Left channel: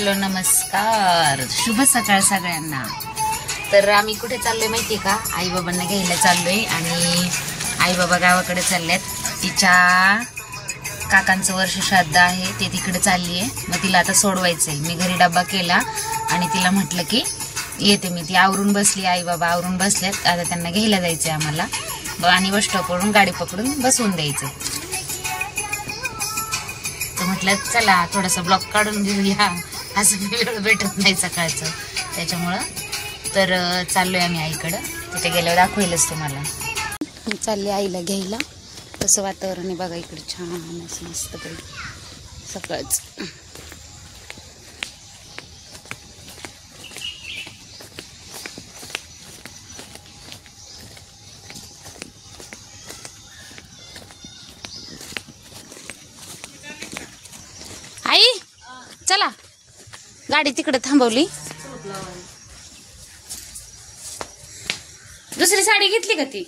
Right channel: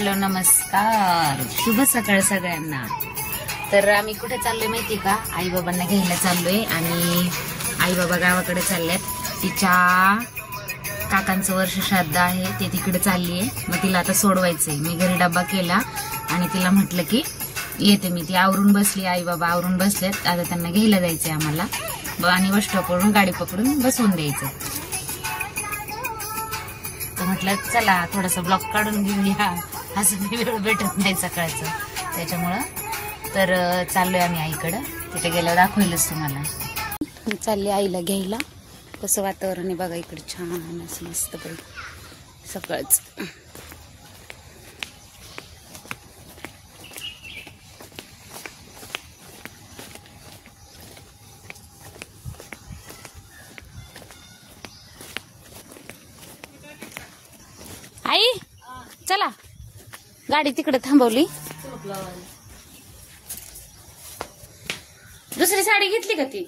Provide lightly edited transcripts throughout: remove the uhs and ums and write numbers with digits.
Hello नमस्कार, शुभ सकाळ सगळ्यांना। तर आम्ही कुठे चाललोय माहिती का? आई बाबांना घ्यायला चाललोय आणि आई बाबा गावाकडे चालल्यात। तिच्या काकांचं वर्ष श्राद्ध आहे, ते तिकडे चालली आहे। मग तिला आता सोडवायचंय। मी घरी डब्बा केला आणि तिला म्हटलं की येते मी। ती आवरून बसली, आई बाबा आवरून बसल्यात। आता त्यांना घ्यायला जायचंय आम्हाला आणि बस स्टॉपवरून गाडी पकडून बसवून द्यायचं। म्हटलं चला थोडंसं ब्लॉग काढून घेऊया, असं वेळ भेटत नाही सकाळचं, त्याच्यामुळं तर चाललोय आम्ही आईकडं। तिथे गेल्यावर दाखवेलच तुम्हाला। चालले आईला घ्यायला। कसं वातावरण आहे बघा इकडे, छान असं मस्त सकाळचं। आई चला, गाडी तिकडे थांबवली। दुसरी साडी घेतली का ती?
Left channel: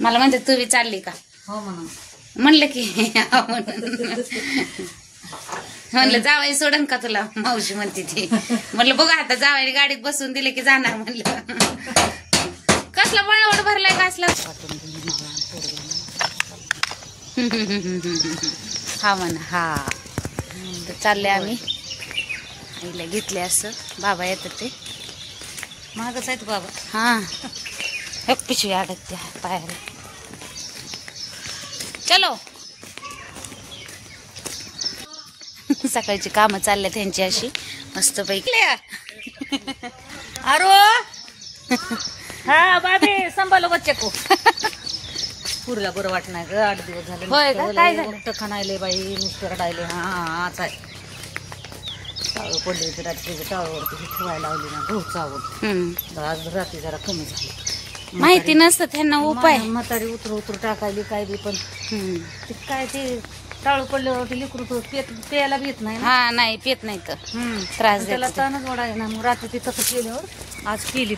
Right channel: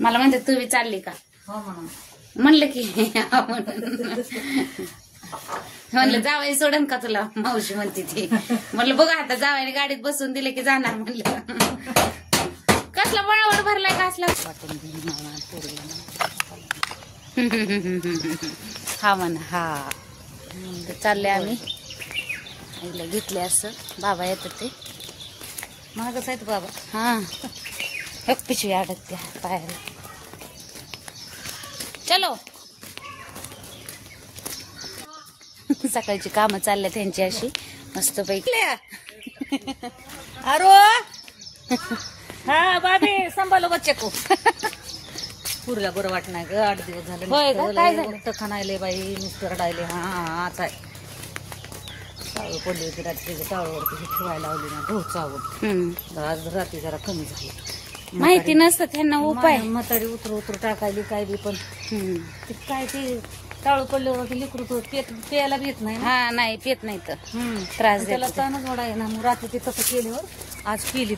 मला म्हणते तू बी चालली का? हो म्हणलं की म्हणलं जावई सोडन का तुला? मावशी म्हणते ती। म्हणलं बघा आता जावाई गाडीत बसून दिले की जाणार म्हणलं। कसला बळवड भरलाय कसला? हा म्हणा हा। तर चालले आम्ही, घेतले असं। बाबा येतात ते महागच आहेत बाबा। हा एक पिशवी अडकते पायाला। चलो सकाळची कामं चालल्या त्यांची अशी मस्त पैकी। अरो हा बाबी संभालो बच्चा को। पुरला बरं वाटणार ग, 8 दिवस झाले। होय का? काय झालं? खाणायले बाई नुसतं रडायले। हा काय टाळू पडले होते रात्री, टाळूवर ठेवायला लावली ना गहू चावून। आज रात्री जरा कमी झाली। माहिती नसतं त्यांना उपाय। म्हातारी उतर टाकायली काय बी, पण काय ते टाळू पडलं होतं लिकरू प्यायला बी येत नाही। हा नाही पेत नाही तर त्रास त्याला देतात। ताणच वाढायला ना। मग रात्री ती तसं केल्यावर आज केली।